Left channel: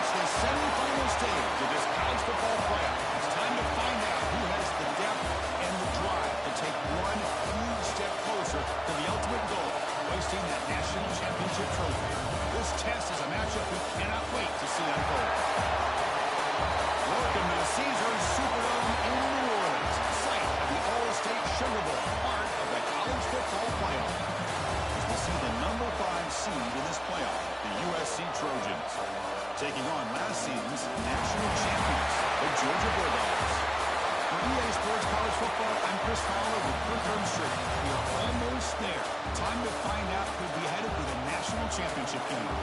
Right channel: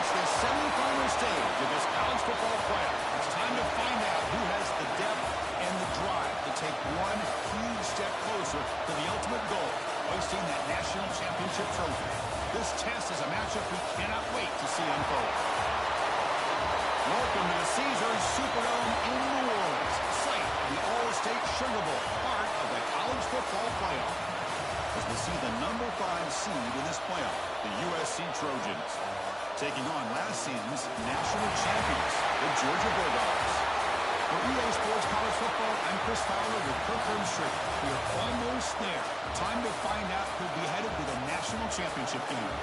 reached the semifinal stage of this college football playoff. It's time to find out who has the depth and the drive to take one huge step closer to the ultimate goal, hoisting that national championship trophy. This test is a matchup we cannot wait to see unfold. Welcome to the Caesars Superdome in New Orleans, site of the All-State Sugar Bowl, part of the college football playoff. As we see the number 5 seed in this playoff, the USC Trojans, taking on last season's national champions, the Georgia Bulldogs. For EA Sports College Football, I'm Chris Fowler with Kirk Herbstreit. We are almost there. Time to find out who'll be headed to the national championship game.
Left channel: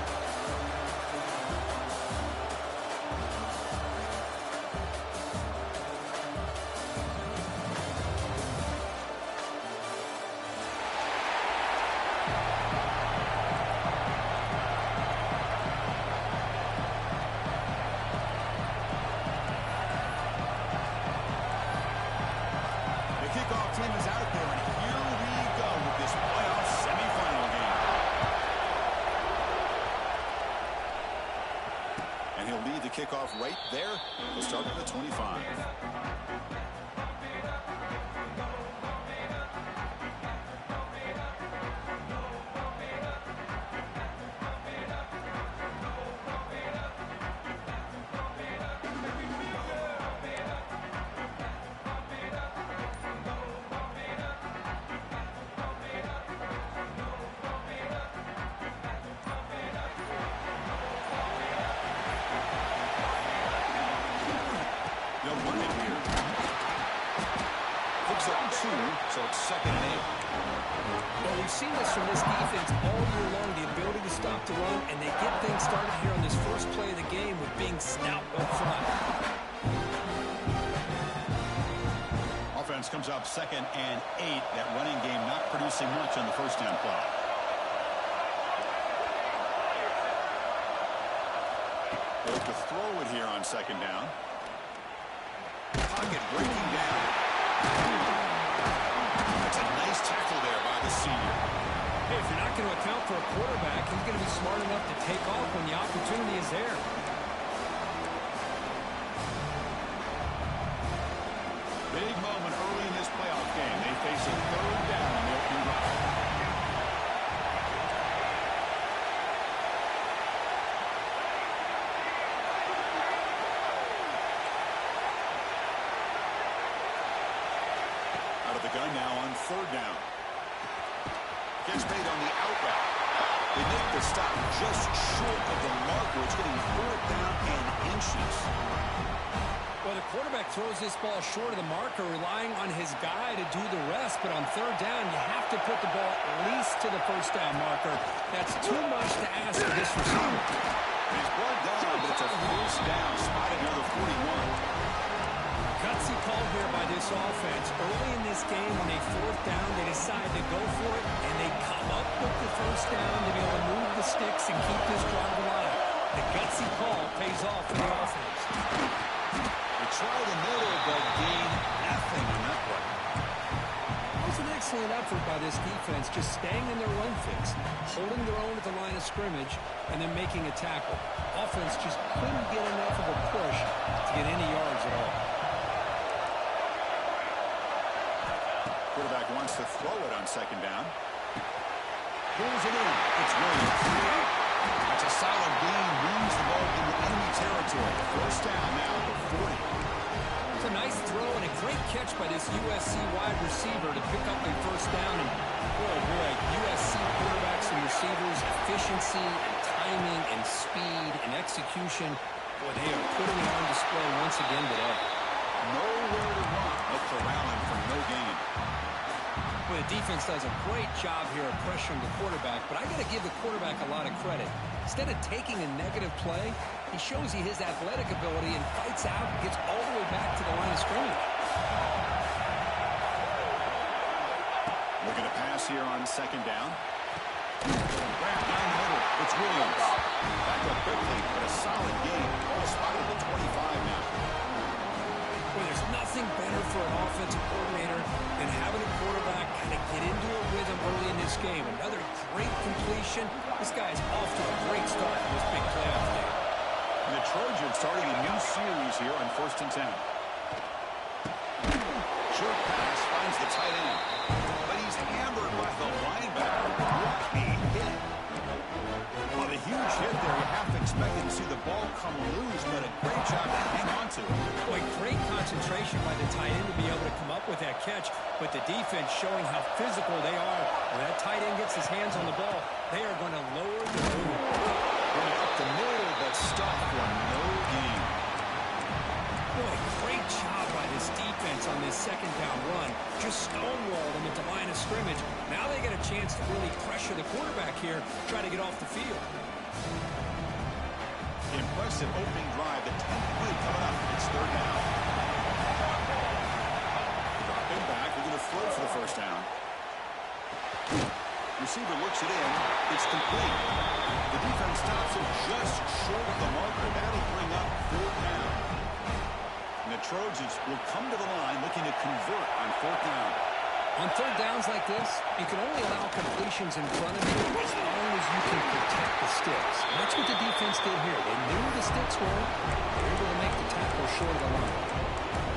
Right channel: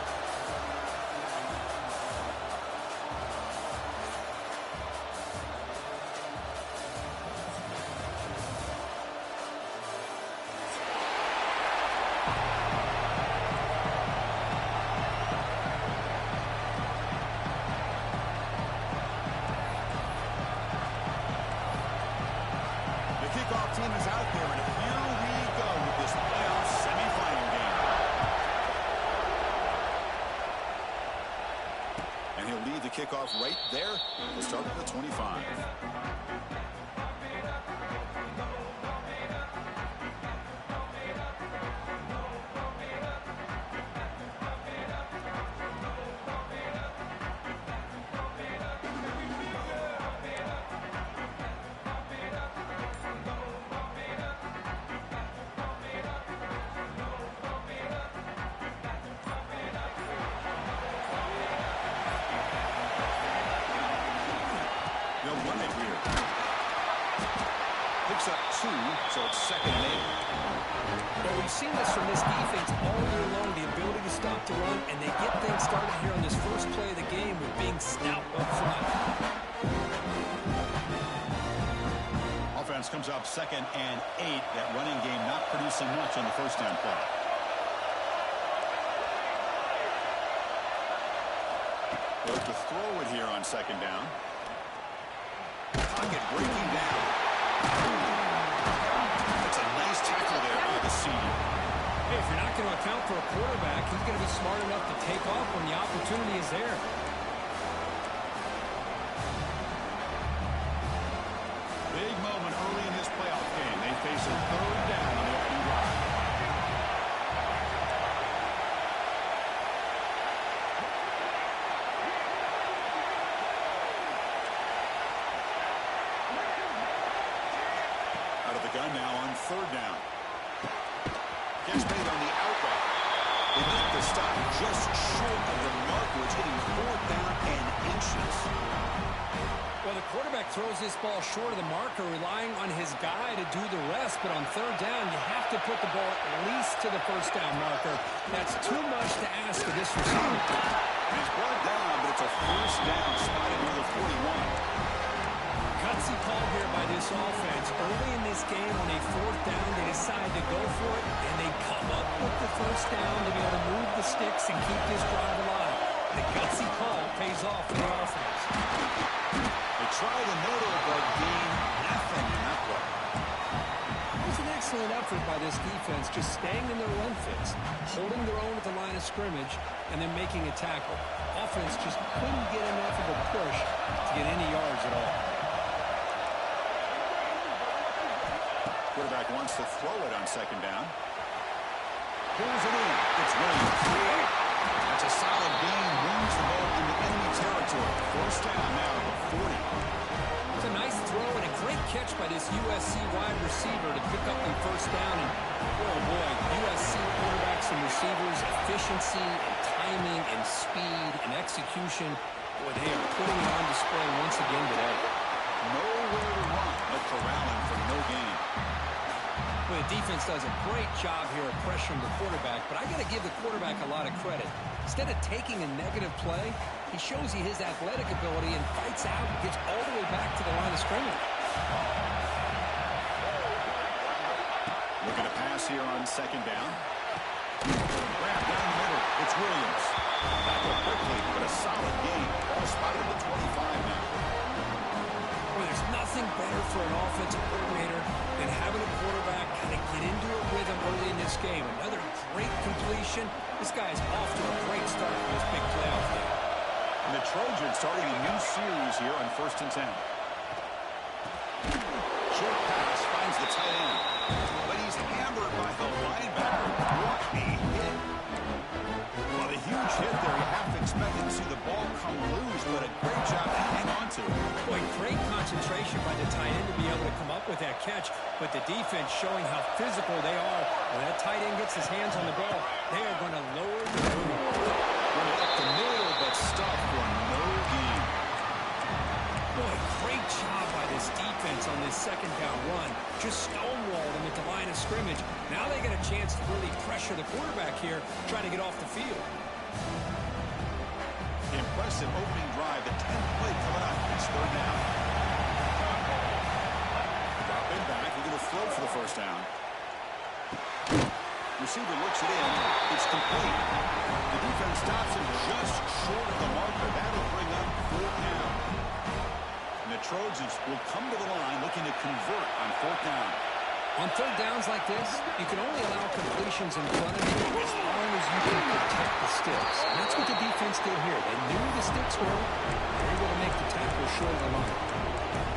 The kickoff team is out there, and here we go with this playoff semifinal game. And he'll lead the kickoff right there. He'll start at the 25. They'll run it here. Picks up 2, so it's 2nd and 8. Well, we've seen this from this defense all year long, the ability to stop the run, and they get things started here on this first play of the game with being stout up front. Offense comes up 2nd and 8. That running game not producing much on the first down play. They look to throw it here on 2nd down. Pocket breaking down. That's a nice tackle there by the senior. Hey, if you're not going to account for a quarterback, he's going to be smart enough to take off when the opportunity is there. Big moment early in this playoff game. They face a 3rd down on the opening drive. Out of the gun now on 3rd down. Gets made on the out route. They make the stop just short of the marker. It's getting 4th down and inches. Well, the quarterback throws this ball short of the marker, relying on his guy to do the rest. But on 3rd down, you have to put the ball at least to the first down marker. That's too much to ask of this receiver. He's brought down, but it's a 1st down, spotted near the 41. Gutsy call here by this offense. Early in this game, on a 4th down, they decide to go for it, and they come up with the 1st down to be able to move the sticks and keep this drive alive. The gutsy call pays off for the offense. They try the middle, but gain nothing in that play. It was an excellent effort by this defense, just staying in their run fits, holding their own at the line of scrimmage, and then making a tackle. Offense just couldn't get enough of a push to get any yards at all. Quarterback wants to throw it on 2nd down. Pulls it in. It's Williams. That's a solid gain. Moves the ball into enemy territory. 1st down now at the 40. It's a nice throw and a great catch by this USC wide receiver to pick up a 1st down. And, oh boy, USC quarterbacks and receivers, efficiency and timing and speed and execution. Boy, they are putting it on display once again today. Nowhere to run. They'll corral him for no gain. Well, the defense does a great job here of pressuring the quarterback, but I got to give the quarterback a lot of credit. Instead of taking a negative play, he shows you his athletic ability and fights out and gets all the way back to the line of scrimmage. Looking to pass here on 2nd down. Grab down the middle. It's Williams. Back up quickly, but a solid gain. Ball spotted at the 25 now. Boy, there's nothing better for an offensive coordinator than having a quarterback kind of get into a rhythm early in this game. Another great completion. This guy is off to a great start in this big playoff game. And the Trojans starting a new series here on 1st and 10. Short pass finds the tight end. But he's hammered by the linebacker. What a hit. Well, a huge hit there. You half expected to see the ball come loose, but a great job to hang on to it. Boy, great concentration by the tight end to be able to come up with that catch. But the defense showing how physical they are. When that tight end gets his hands on the ball, they are going to lower the boom. Run it up the middle, but stuffed for no gain. Boy, great job by this defense on this second down run. Just stonewalled him at the line of scrimmage. Now they get a chance to really pressure the quarterback here, try to get off the field. Impressive opening drive. The 10th play coming up. It's 3rd down. Drop it back. We're going to throw for the 1st down. Receiver looks it in. It's complete. The defense stops him just short of the marker. That'll bring up 4th down. And the Trojans will come to the line looking to convert on 4th down. On 3rd downs like this, you can only allow completions in front of you as long as you can protect the sticks. And that's what the defense did here. They knew the sticks were. They were able to make the tackle short of the line.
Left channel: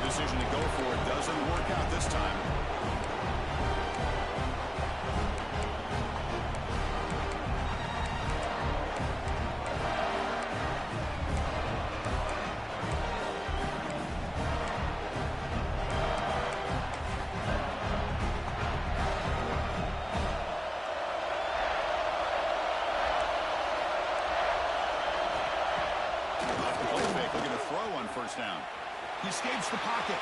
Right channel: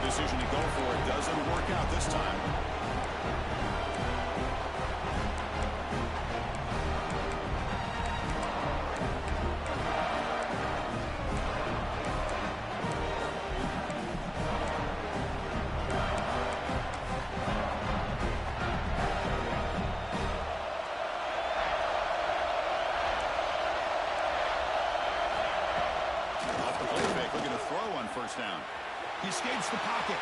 Decision to go for it doesn't work out this time. Looking to throw on 1st down. He escapes the pocket.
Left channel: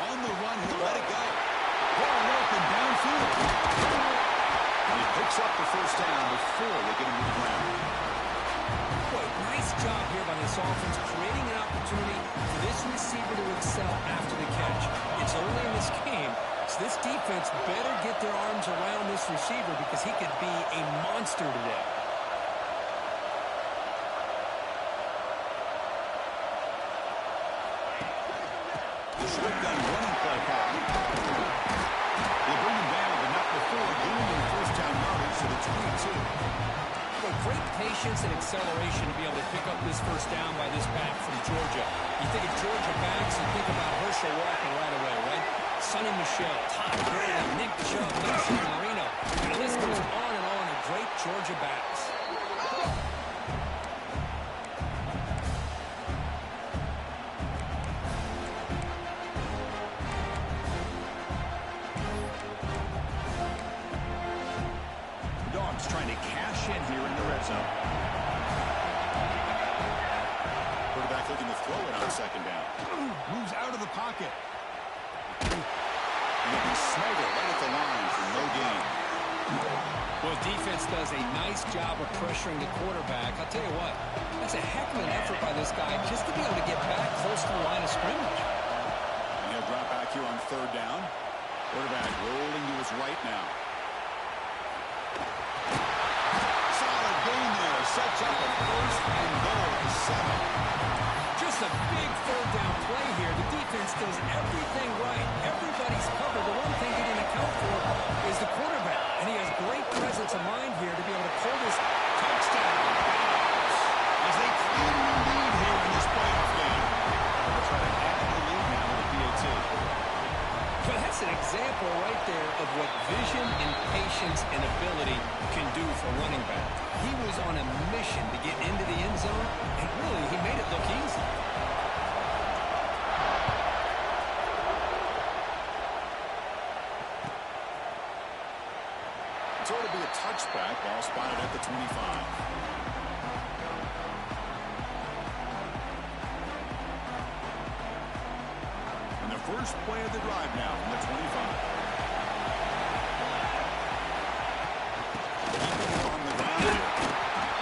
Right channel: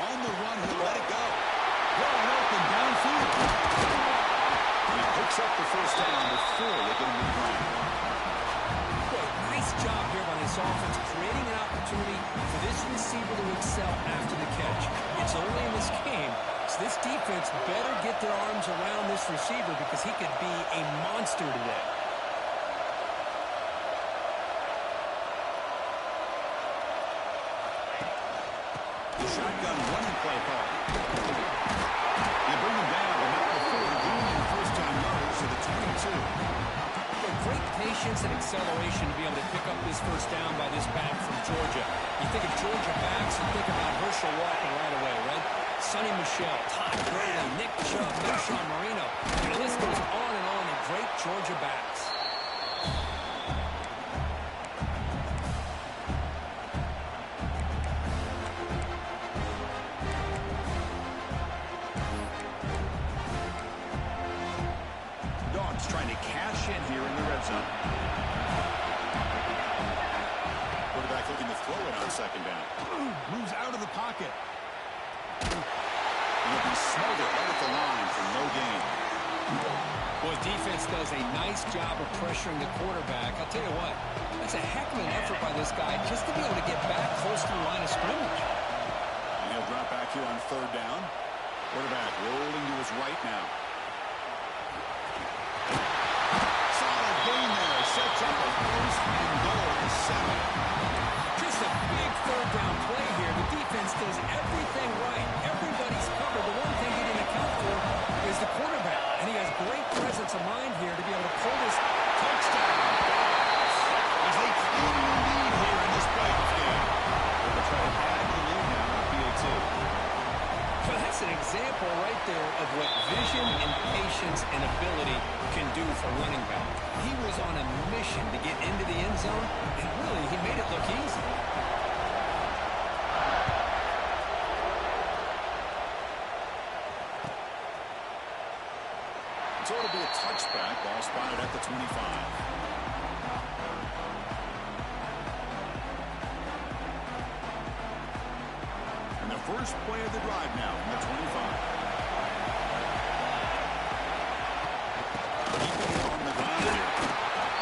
On the run, he'll let it go. Wide open downfield. He picks up the 1st down before they get him to the ground. Boy, nice job here by this offense, creating an opportunity for this receiver to excel after the catch. It's early in this game, so this defense better get their arms around this receiver because he could be a monster today. Shotgun running play call. They bring him down, but not before gaining 1st down yardage to the 22. But great patience and acceleration to be able to pick up this 1st down by this back from Georgia. You think of Georgia backs, you think about Herschel Walker right away, right? Sonny Michel, Todd Gurley, Nick Chubb, Marshawn Marino. And the list goes on and on of great Georgia backs. Trying to cash in here in the red zone. Quarterback looking to throw it on 2nd down. Moves out of the pocket. And he'll be smothered right at the line for no gain. Boy, defense does a nice job of pressuring the quarterback. I'll tell you what, that's a heck of an effort by this guy just to be able to get back close to the line of scrimmage. And he'll drop back here on 3rd down. Quarterback rolling to his right now. Solid gain there. Sets up a 1st and goal at the 7. Just a big 3rd down play here. The defense does everything right. Everybody's covered. The one thing he didn't account for is the quarterback. And he has great presence of mind here to be able to pull this touchdown. As they claim the lead here in this playoff game. They'll try to add the lead now with a PAT. Well, that's an example right there of what vision and patience and ability can do for running back. He was on a mission to get into the end zone, and really, he made it look easy. So it'll be a touchback. Ball spotted at the 25. And the first play of the drive now from the 25. Keeping it on the ground here.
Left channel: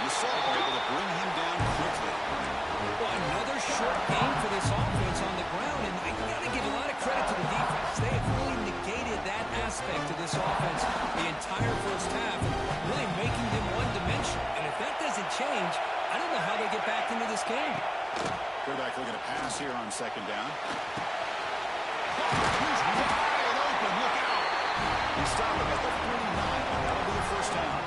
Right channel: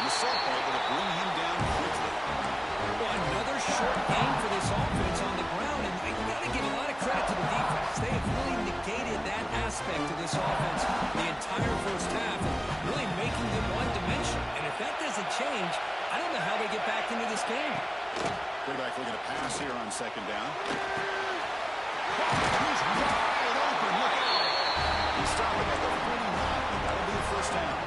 The Sultan able to bring him down quickly. Well, another short game for this offense on the ground, and you got to give a lot of credit to the defense. They have really negated that aspect of this offense the entire first half and really making them one-dimensional. And if that doesn't change, I don't know how they get back into this game. Quarterback looking to pass here on 2nd down. He's wide open. Look out. He's stopping at the 49, but that'll be the 1st down.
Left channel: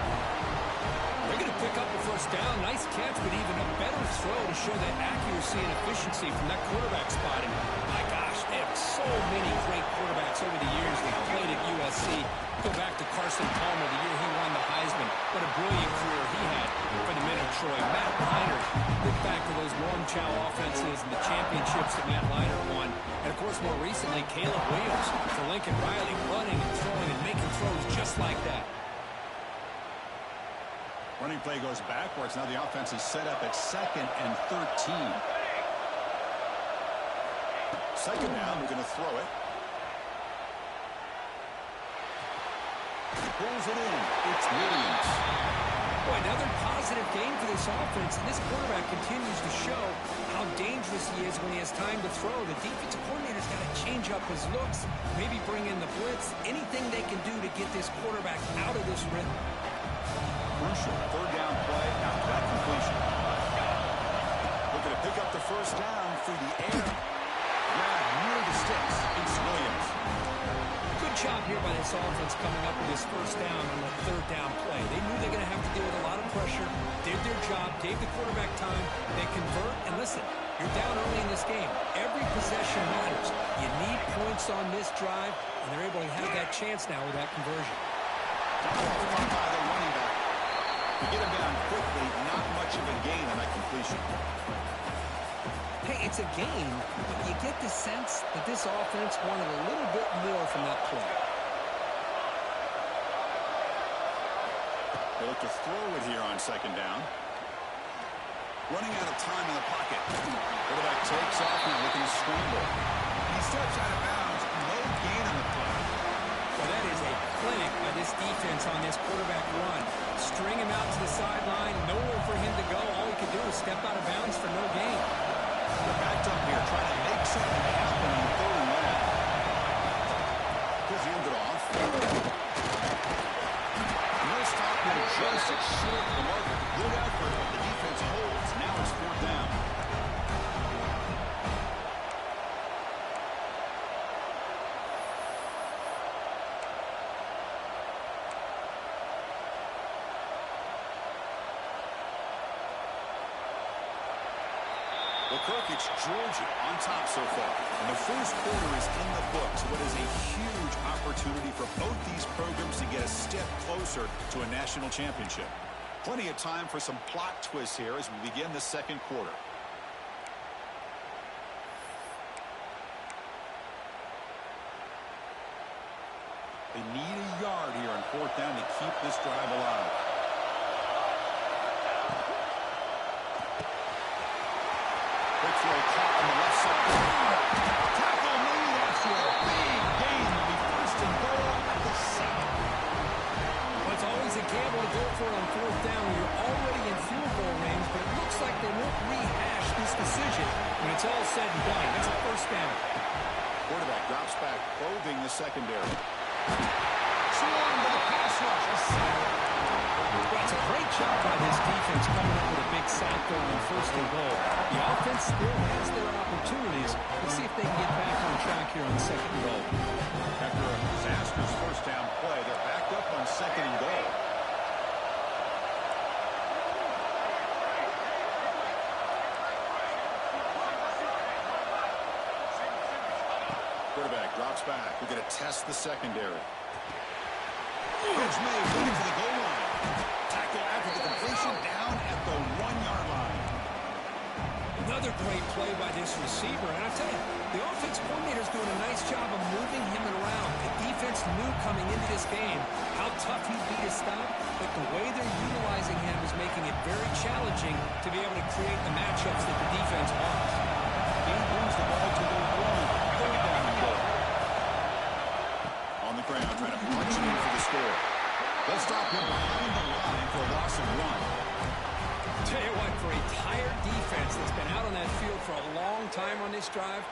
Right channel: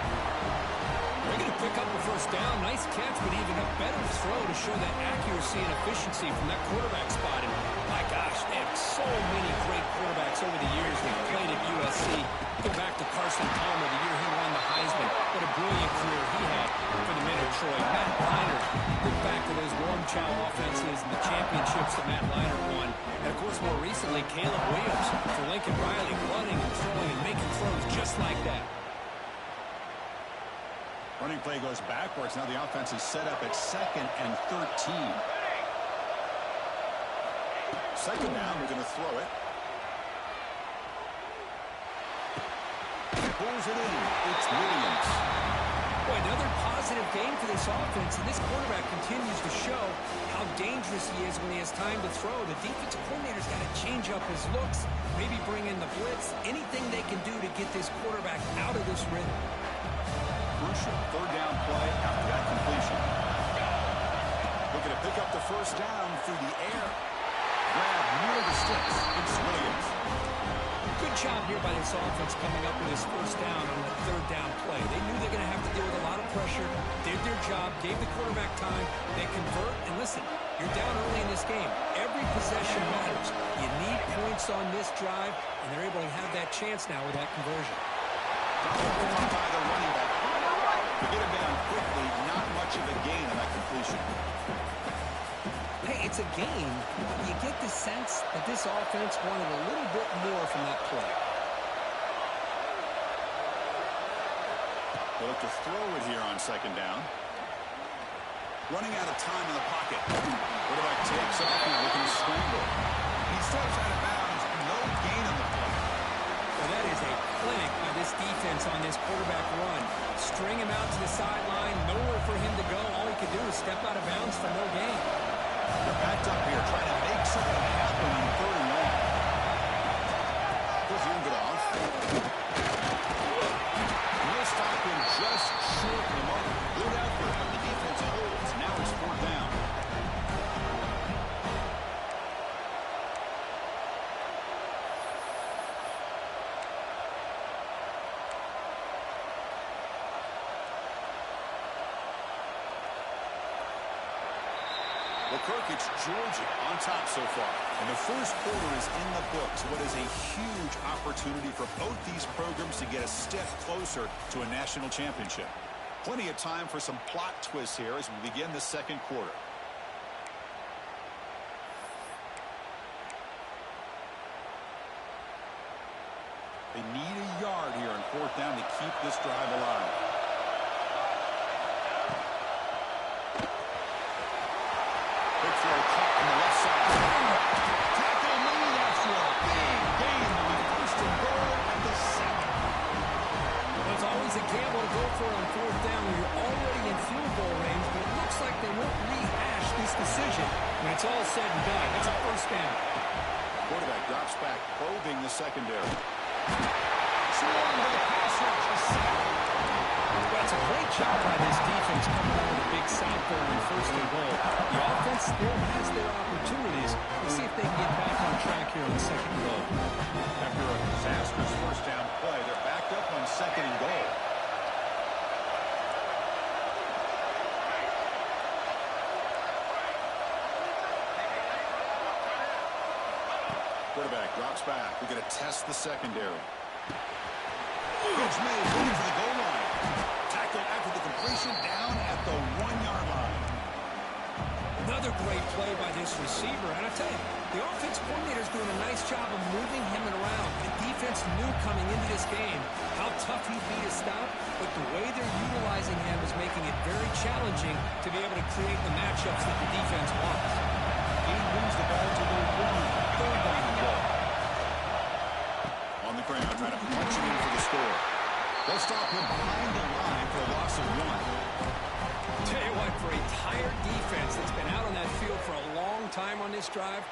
They're going to pick up a first down. Nice catch, but even a better throw to show that accuracy and efficiency from that quarterback spot. And my gosh, they have so many great quarterbacks over the years that played at USC. Go back to Carson Palmer, the year he won the Heisman. What a brilliant career he had for the men of Troy. Matt Leinart, think back to those Norm Chow offenses and the championships that Matt Leinart won. And, of course, more recently, Caleb Williams for Lincoln Riley, running and throwing and making throws just like that. Running play goes backwards. Now the offense is set up at 2nd and 13. Second down, we're going to throw it. Pulls it in. It's Williams. Boy, another positive game for this offense, and this quarterback continues to show how dangerous he is when he has time to throw. The defensive coordinator's got to change up his looks, maybe bring in the blitz, anything they can do to get this quarterback out of this rhythm. Crucial third down play after that completion. Looking to pick up the first down through the air. Grab near the sticks. It's Williams. Good job here by this offense coming up with his first down on that third down play. They knew they're going to have to deal with a lot of pressure, did their job, gave the quarterback time. They convert, and listen, you're down early in this game. Every possession matters. You need points on this drive, and they're able to have that chance now with that conversion. Far by the running back. To get him down quickly, not much of a gain on that completion. Hey, it's a gain, but you get the sense that this offense wanted a little bit more from that play. They'll look to throw it here on second down. Running out of time in the pocket. Quarterback takes off now, looking to scramble. He steps out of bounds. No gain on the play. Well, that is a clinic by this defense on this quarterback run. String him out to the sideline, nowhere for him to go. All he could do is step out of bounds for no gain. They're backed up here, trying to make something happen on third and long. Puts it off. And they'll stop him just short of the mark. Good effort, but the defense holds. Now it's fourth down. Well, Kirk, it's Georgia on top so far. And the first quarter is in the books. What is a huge opportunity for both these programs to get a step closer to a national championship. Plenty of time for some plot twists here as we begin the second quarter. They need a yard here on fourth down to keep this drive alive. Big throw caught on the left side. Tackle made after a big gain. Will be first and goal at the 7. Well, it's always a gamble to go for it on fourth down when you're already in field goal range, but it looks like they won't rehash this decision when it's all said and done. It's a first down. Quarterback drops back, probing the secondary. Swarmed by the pass rush. A sack. Well, it's a great job by this defense coming up with a big sack there on first and goal. The offense still has their opportunities. Let's see if they can get back on track here on second and goal. After a disastrous first down play, they're backed up on second and goal. Quarterback drops back. We're going to test the secondary. Pitch made, looking for the goal line. Tackle after the completion, down at the 1-yard line. Another great play by this receiver. And I tell you, the offense coordinator's doing a nice job of moving him around. The defense knew coming into this game how tough he'd be to stop, but the way they're utilizing him is making it very challenging to be able to create the matchups that the defense wants. He brings the ball to the 1, third down and goal. On the ground, trying to punch it in for the score. They'll stop him behind the line for a loss of 1. Tell you what, for a tired defense that's been out on that field for a long time on this drive,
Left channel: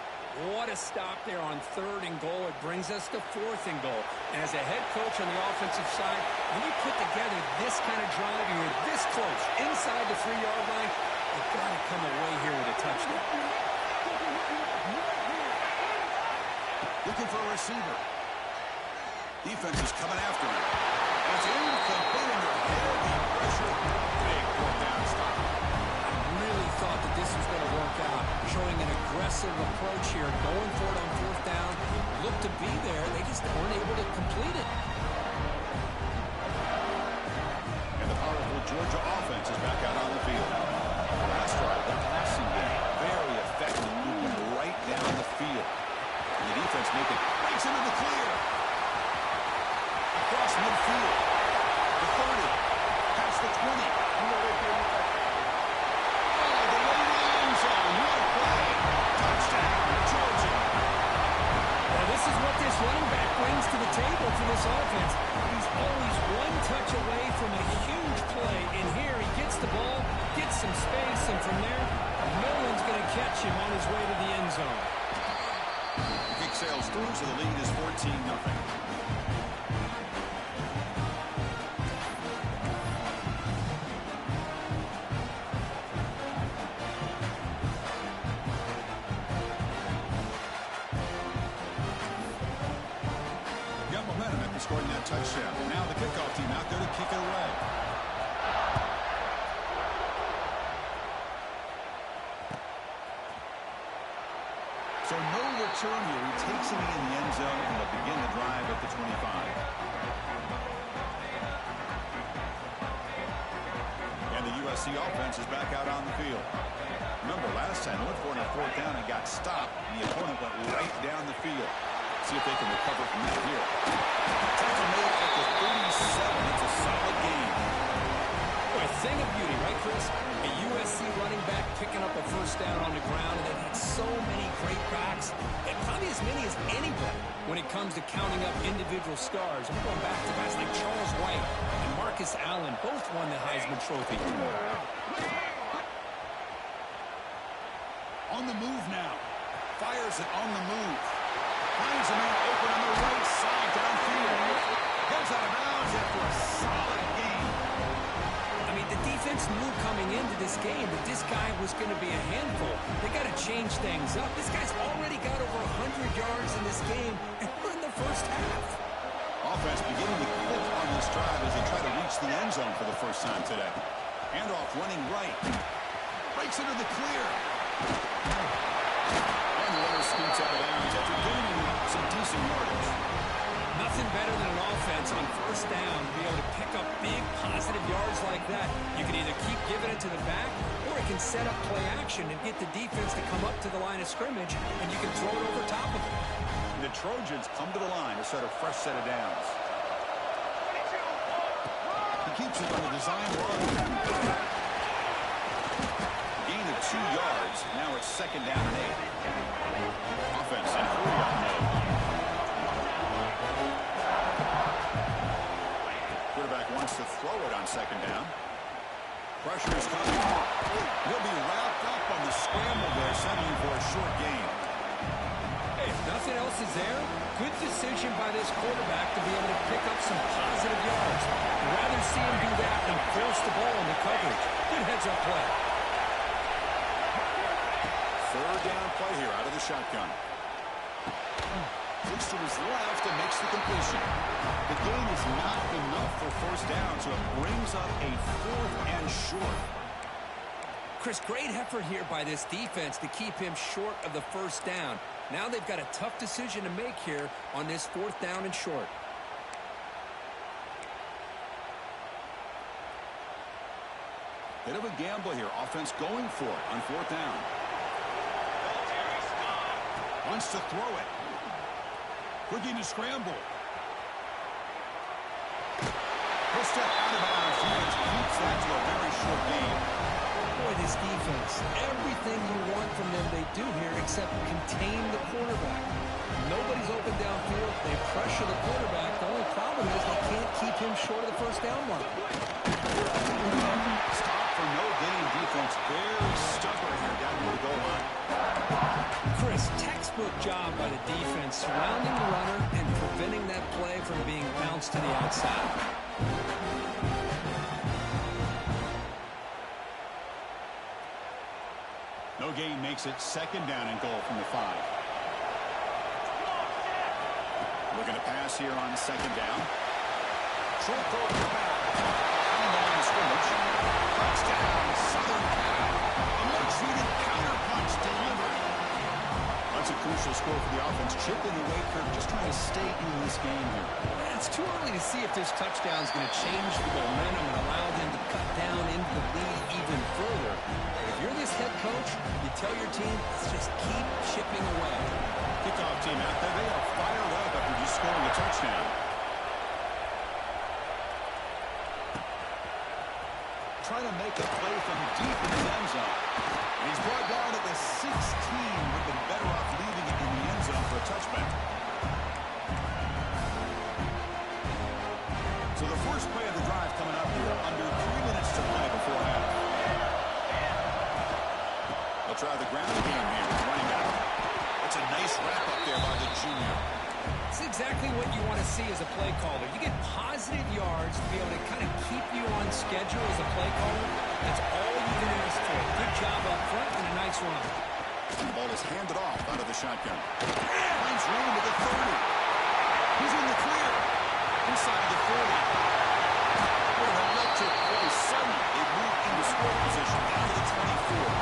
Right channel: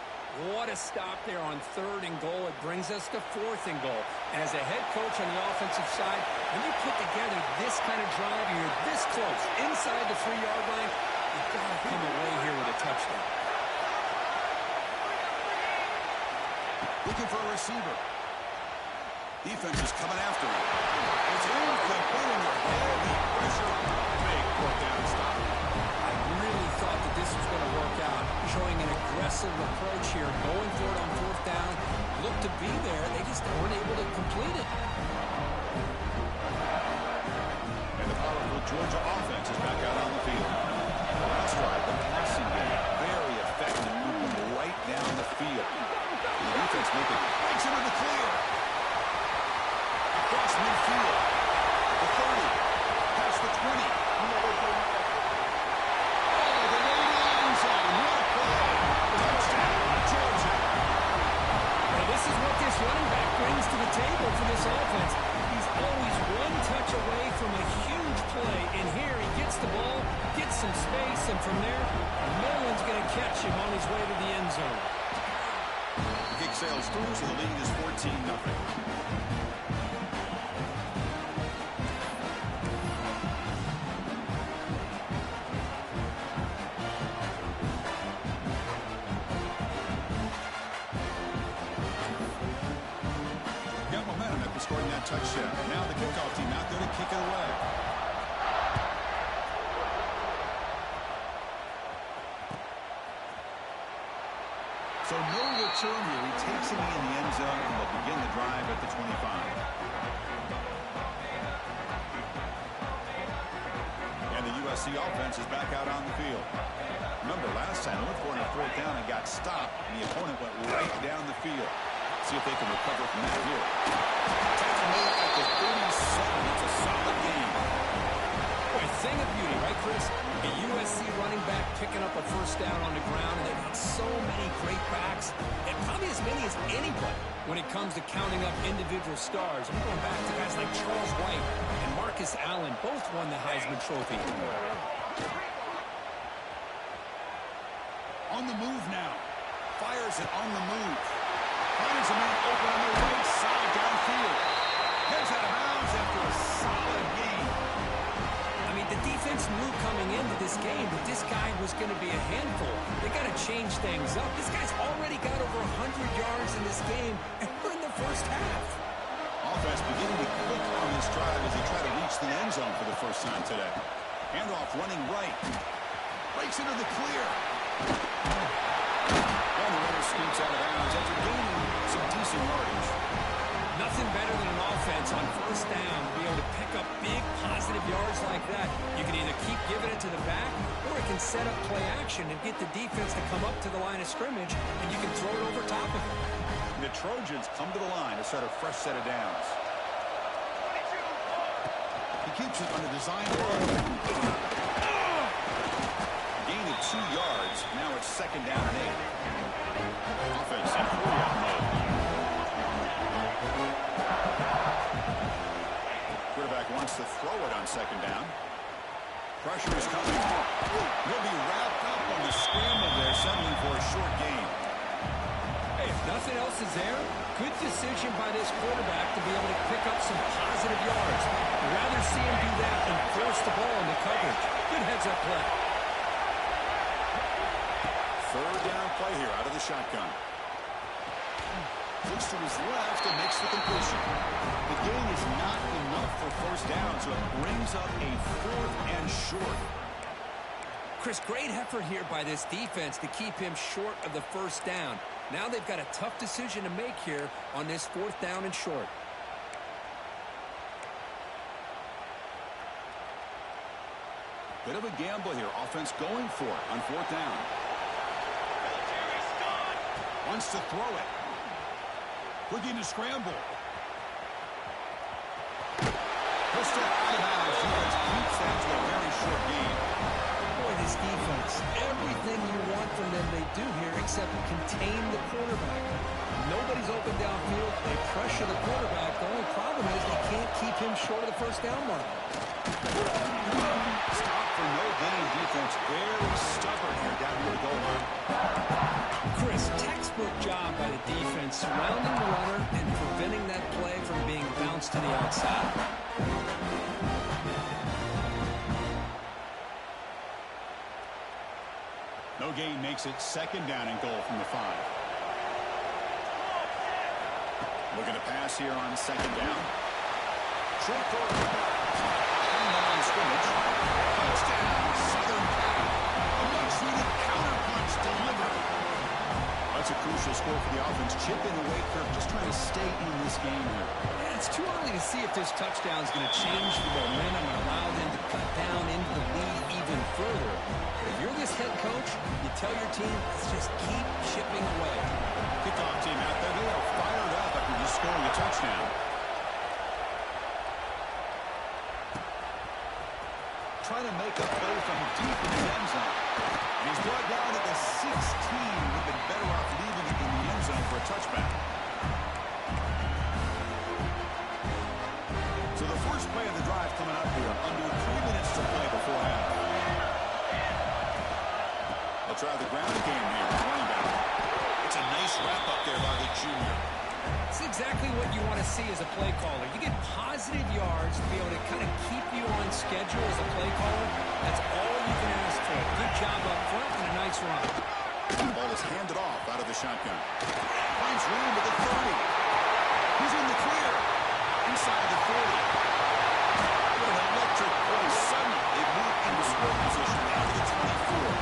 what a stop there on third and goal. It brings us to fourth and goal. And as a head coach on the offensive side, when you put together this kind of drive, you're this close, inside the 3-yard line, you've got to come away here with a touchdown. Looking for a receiver. Defense is coming after him. It's incomplete under heavy pressure. Big fourth down stop. I really thought that this was going to work out, showing an aggressive approach here, going for it on fourth down. Looked to be there. They just weren't able to complete it. And the powerful Georgia offense is back out on the field. The last drive, the passing game, very effective, moving right down the field. And the defense breaks into the clear. Across midfield. The 30. Past the 20. All the way to the end zone. What a play. Touchdown, Georgia. Well, this is what this running back brings to the table for this offense. He's always one touch away from a huge play. And here he gets the ball, gets some space, and from there, no one's going to catch him on his way to the end zone. The kick sails through, so the lead is 14-0. Scoring that touchdown. Now the kickoff team out there to kick it away. So no return here. He takes it in the end zone, and they'll begin the drive at the 25. And the USC offense is back out on the field. Remember, last time they went for it on fourth down and got stopped. The opponent went right down the field. See if they can recover from that here. Tackle made at the 37. It's a solid game. Boy, a thing of beauty, right, Chris? A USC running back picking up a first down on the ground, and they've had so many great backs, and probably as many as anybody when it comes to counting up individual stars. I'm going back to guys like Charles White and Marcus Allen. Both won the Heisman Trophy. On the move now. Fires it on the move. Finds a man open on the right side downfield. Gets out of bounds after a solid game. I mean, the defense knew coming into this game that this guy was going to be a handful. They got to change things up. This guy's already got over 100 yards in this game, and we're in the first half. Offense beginning to click on this drive as they try to reach the end zone for the first time today. Handoff running right. Breaks into the clear. And the runner scoots out of bounds after gaining some decent yardage. Nothing better than an offense on first down to be able to pick up big positive yards like that. You can either keep giving it to the back, or it can set up play action and get the defense to come up to the line of scrimmage, and you can throw it over top of it. The Trojans come to the line to start a fresh set of downs. He keeps it on the design run. Gain of 2 yards. Now it's second down and 8. Offense in hurry-up mode. Quarterback wants to throw it on second down. Pressure is coming. He'll be wrapped up on the scramble there, settling for a short gain. Hey, if nothing else is there, good decision by this quarterback to be able to pick up some positive yards. I'd rather see him do that than force the ball into coverage. Good heads-up play. Third down play here out of the shotgun. Looks to his left and makes the completion. The gain is not enough for first down, so it brings up a 4th and short. Chris, great effort here by this defense to keep him short of the first down. Now they've got a tough decision to make here on this 4th down and short. Bit of a gamble here. Offense going for it on 4th down. Wants to throw it. Looking to scramble. He'll step out of bounds. Defense keeps that to a very short game. Boy, this defense, everything you want from them they do here except contain the quarterback. Nobody's open downfield. They pressure the quarterback. The only problem is they can't keep him short of the first down mark. Stop for no gain. Defense very stubborn here down near the goal line. Chris, textbook job by the defense surrounding the runner and preventing that play from being bounced to the outside. No gain makes it second down and goal from the 5. Looking to pass here on second down. Short throw to the back. Caught behind the line of scrimmage. Touchdown, Southern Cal. A much-needed counter-punch delivered. That's a crucial score for the offense. Chipping away, Kirk, just trying to stay in this game here. Yeah, it's too early to see if this touchdown is going to change the momentum and allow them to cut down into the lead even further. But if you're this head coach, you tell your team, let's just keep chipping away. Kickoff team out there. They are fired up after just scoring a touchdown. Trying to make a play from deep in his end zone. And he's brought down at the 16. Would have been better off leaving it in the end zone for a touchback. So the first play of the drive coming up here. Under 3 minutes to play before half. They'll try the ground game here with running back. It's a nice wrap up there by the junior. It's exactly what you want to see as a play caller. You get positive yards to be able to kind of keep you on schedule as a play caller. That's all you can ask for. Good job up front and a nice run. The ball is handed off out of the shotgun. Finds room at the 30. He's in the clear. Inside of the 40. What an electric play. Suddenly, they move into scoring position down to the 24.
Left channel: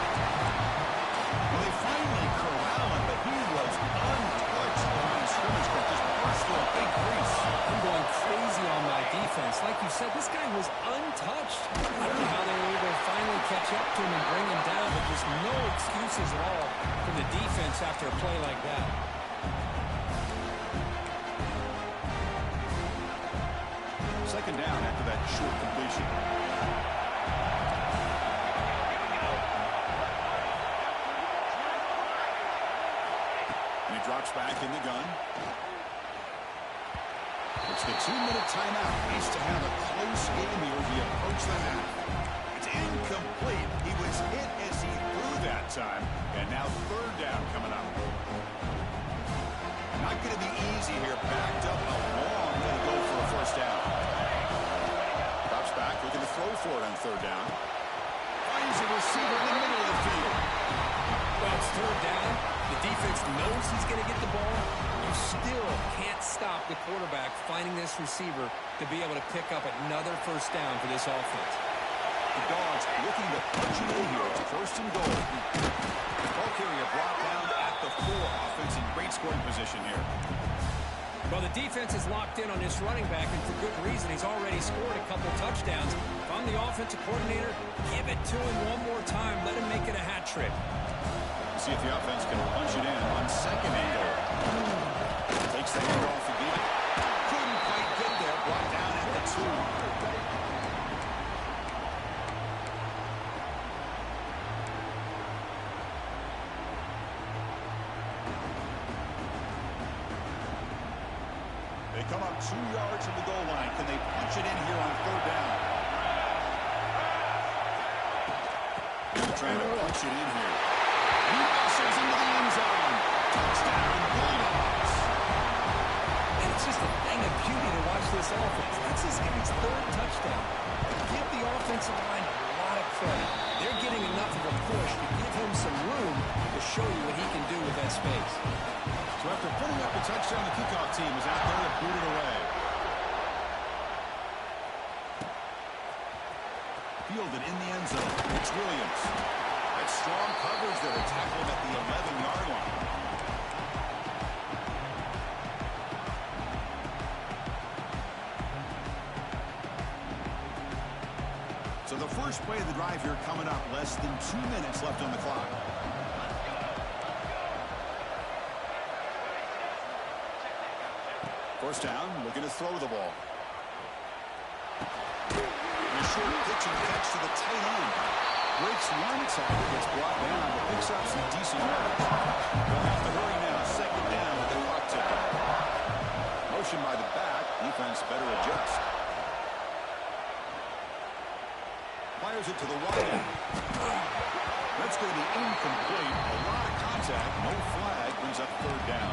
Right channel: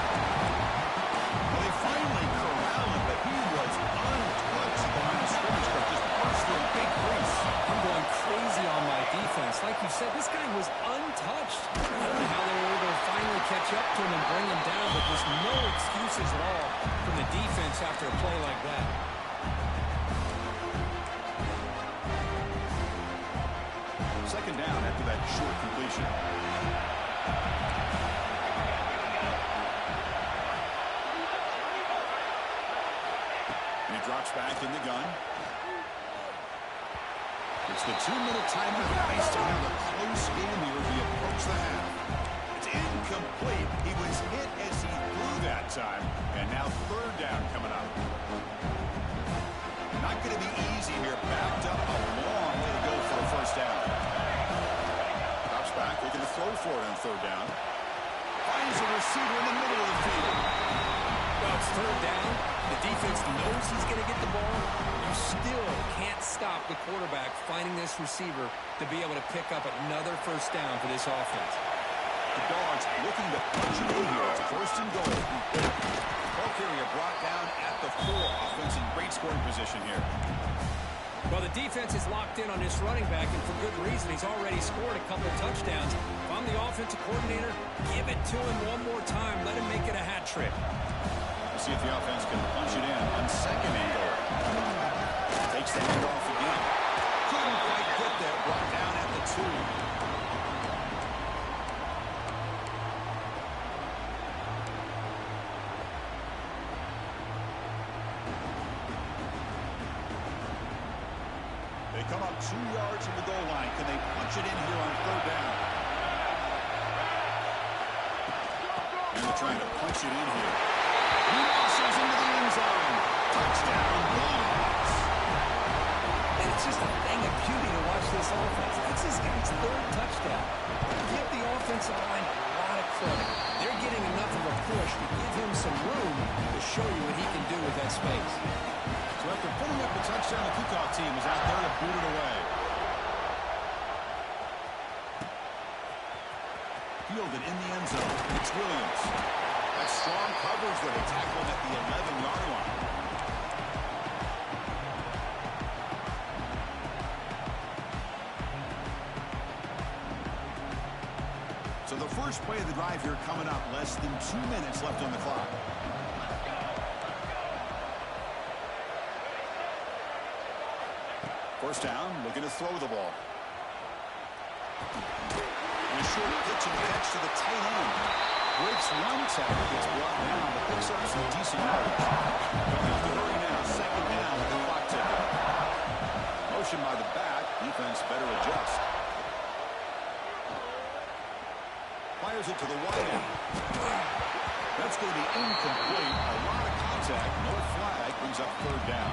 Well, they finally corral him, but he was untouched at the line of scrimmage. Just burst through a big crease. I'm going crazy on my defense. Like you said, this guy was untouched. I don't know how they were able to finally catch up to him and bring him down, but there's no excuses at all from the defense after a play like that. Second down after that short completion. And he drops back in the gun. It's the 2-minute timeout. Nice to have a close game here as we approach the half. It's incomplete. He was hit as he threw that time. And now third down coming up. Not going to be easy here. Backed up a long way to go for a first down. Drops back. Looking to throw for it on third down. Finds a receiver in the middle of the field. Well, it's third down. The defense knows he's going to get the ball. You still can't stop the quarterback finding this receiver to be able to pick up another first down for this offense. The Dogs looking to punch it in here. It's first and goal. Ball carrier brought down at the 4. Offense in great scoring position here. Well, the defense is locked in on this running back, and for good reason. He's already scored a couple touchdowns. If I'm the offensive coordinator, give it to him one more time. Let him make it a hat trick. We'll see if the offense can punch it in on second and goal. Takes the handoff again. Couldn't quite get there. Brought down at the 2. They come up 2 yards from the goal line. Can they punch it in here on third down? They're trying to punch it in here. He muscles into the end zone. Touchdown, Bulldogs. And it's just a thing of beauty to watch this offense. That's this guy's third touchdown. Give the offensive line a lot of credit. They're getting enough of a push to give him some room to show you what he can do with that space. So after putting up the touchdown, the kickoff team is out there to boot it away. Fielded in the end zone. It's Williams. That strong coverage that are tackled at the 11-yard line. So the first play of the drive here coming up. Less than 2 minutes left on the clock. First down, looking to throw the ball. And a short pitch and catch to the tight end. Breaks one tackle, gets brought down, but picks up some decent yards. They'll have to hurry now. Second down with the clock ticking. Motion by the back. Defense better adjust. Fires it to the wide end. That's going to be incomplete. A lot of contact. No flag. Brings up third down.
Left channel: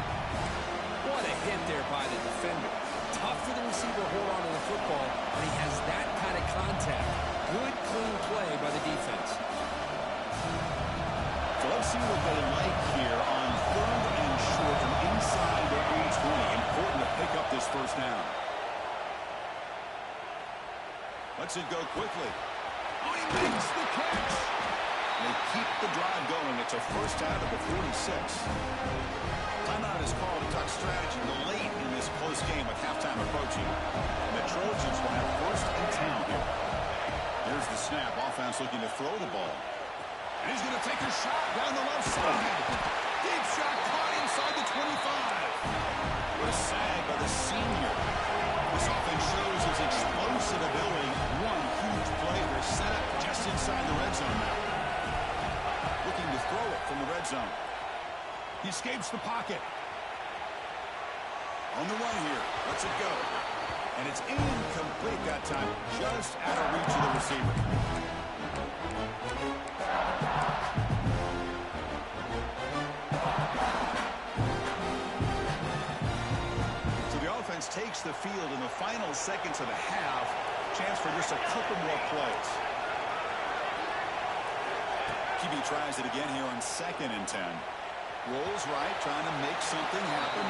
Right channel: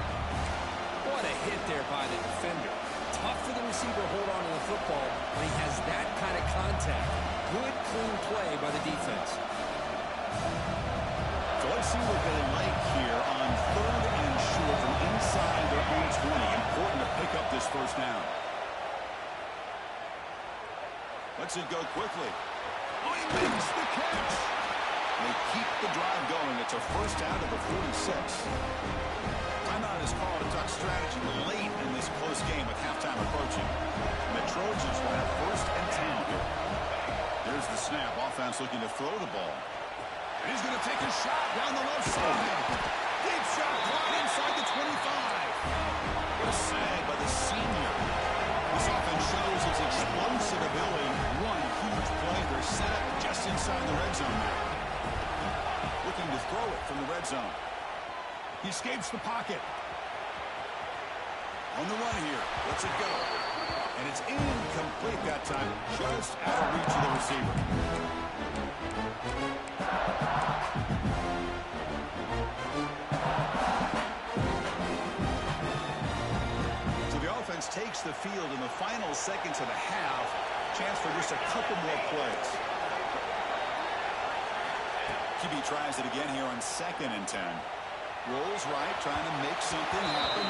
What a hit there by the defender. Tough for the receiver to hold on to the football when he has that kind of contact. Good, clean play by the defense. So let's see what they like here on third and short from inside their own 20. Important to pick up this first down. Lets it go quickly. Oh, he makes the catch. They keep the drive going. It's a first out of the 46. Timeout is called to talk strategy late in this close game with halftime approaching. And the Trojans will have first and 10 here. There's the snap. Offense looking to throw the ball. And he's going to take a shot down the left side. Deep shot caught inside the 25. What a sag by the senior. This offense shows his explosive ability. One huge play. They're set up just inside the red zone now. Looking to throw it from the red zone. He escapes the pocket. On the run here. Lets it go. And it's incomplete that time. Just out of reach of the receiver. So the offense takes the field in the final seconds of the half. Chance for just a couple more plays. QB tries it again here on 2nd and 10. Rolls right, trying to make something happen.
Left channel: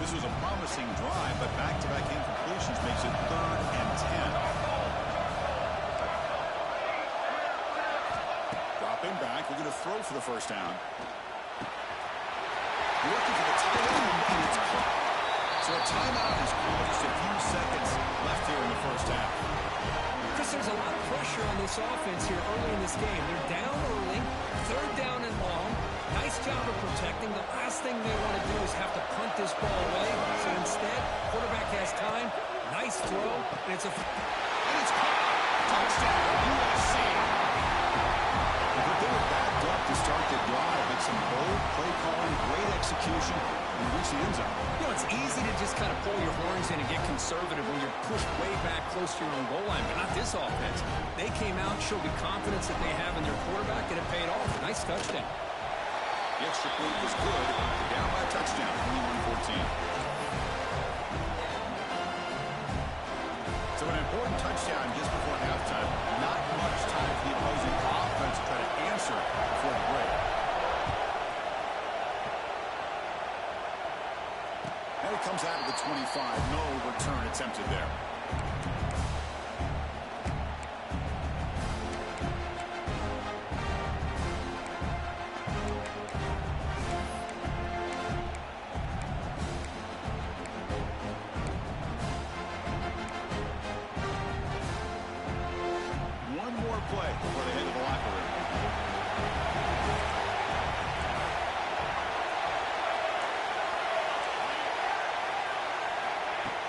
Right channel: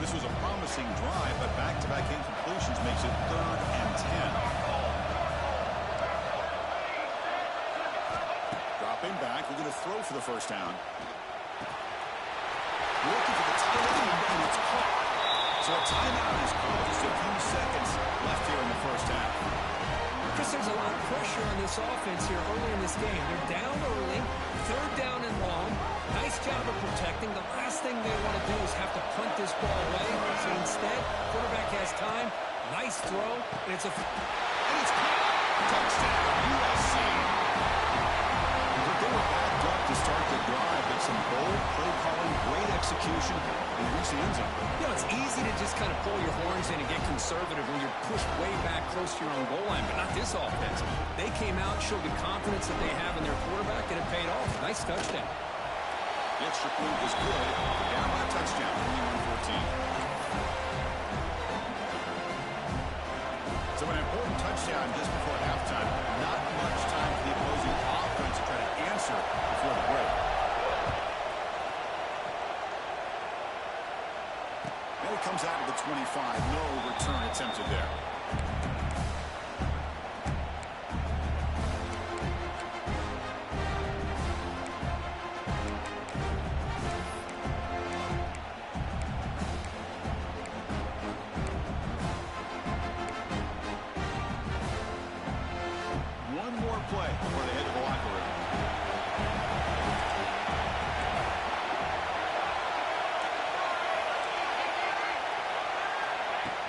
This was a promising drive, but back-to-back incompletions makes it 3rd and 10. Dropping back, we're going to throw for the first down. Looking for the tight end, and it's caught. So a timeout is called. Just a few seconds left here in the first half. Chris, there's a lot of pressure on this offense here early in this game. They're down early, 3rd down and long. Nice job of protecting. The last thing they want to do is have to punt this ball away. So instead, quarterback has time. Nice throw, and it's caught. Touchdown, USC. They were backed up to start the drive, but some bold play calling, great execution, and reach the end zone. You know, it's easy to just kind of pull your horns in and get conservative when you're pushed way back close to your own goal line, but not this offense. They came out, showed the confidence that they have in their quarterback, and it paid off. Nice touchdown. The extra point was good. Down by a touchdown, 21-14. So an important touchdown just before halftime. Not much time for the opposing offense to try to answer before the break. And it comes out of the 25. No return attempted there. One more play before they head to the locker room.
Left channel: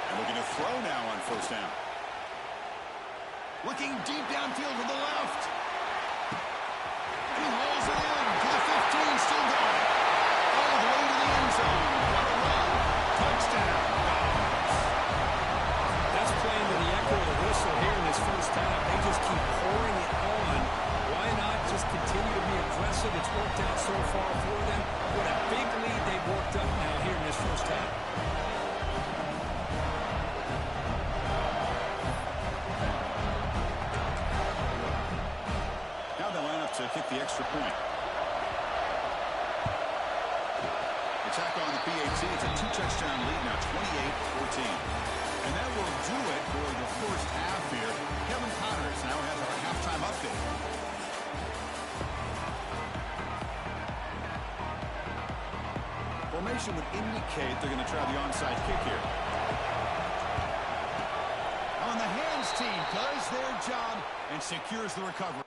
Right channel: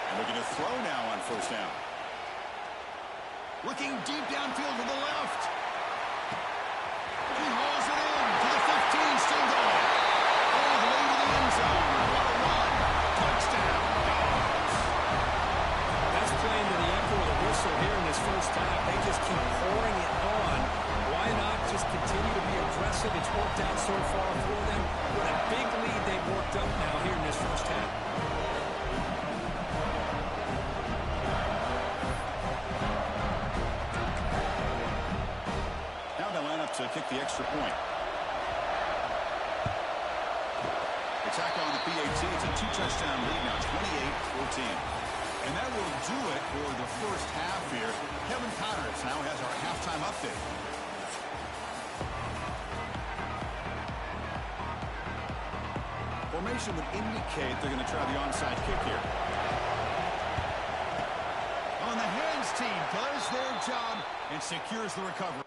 And looking to throw now on first down. Looking deep downfield to the left. He hauls it in to the 15, still going. All the way to the end zone. What a run. Touchdown. That's playing to the echo of the whistle here in this first half. They just keep pouring it on. Why not just continue to be aggressive? It's worked out so far for them. What a big lead they've worked up now here in this first half. Now they line up to kick the extra point. They tack on the PAT. It's a 2-touchdown lead now, 28-14. And that will do it for the first half here. Kevin Connors now has our halftime update. Formation would indicate they're going to try the onside kick here. On the hands team does their job and secures the recovery.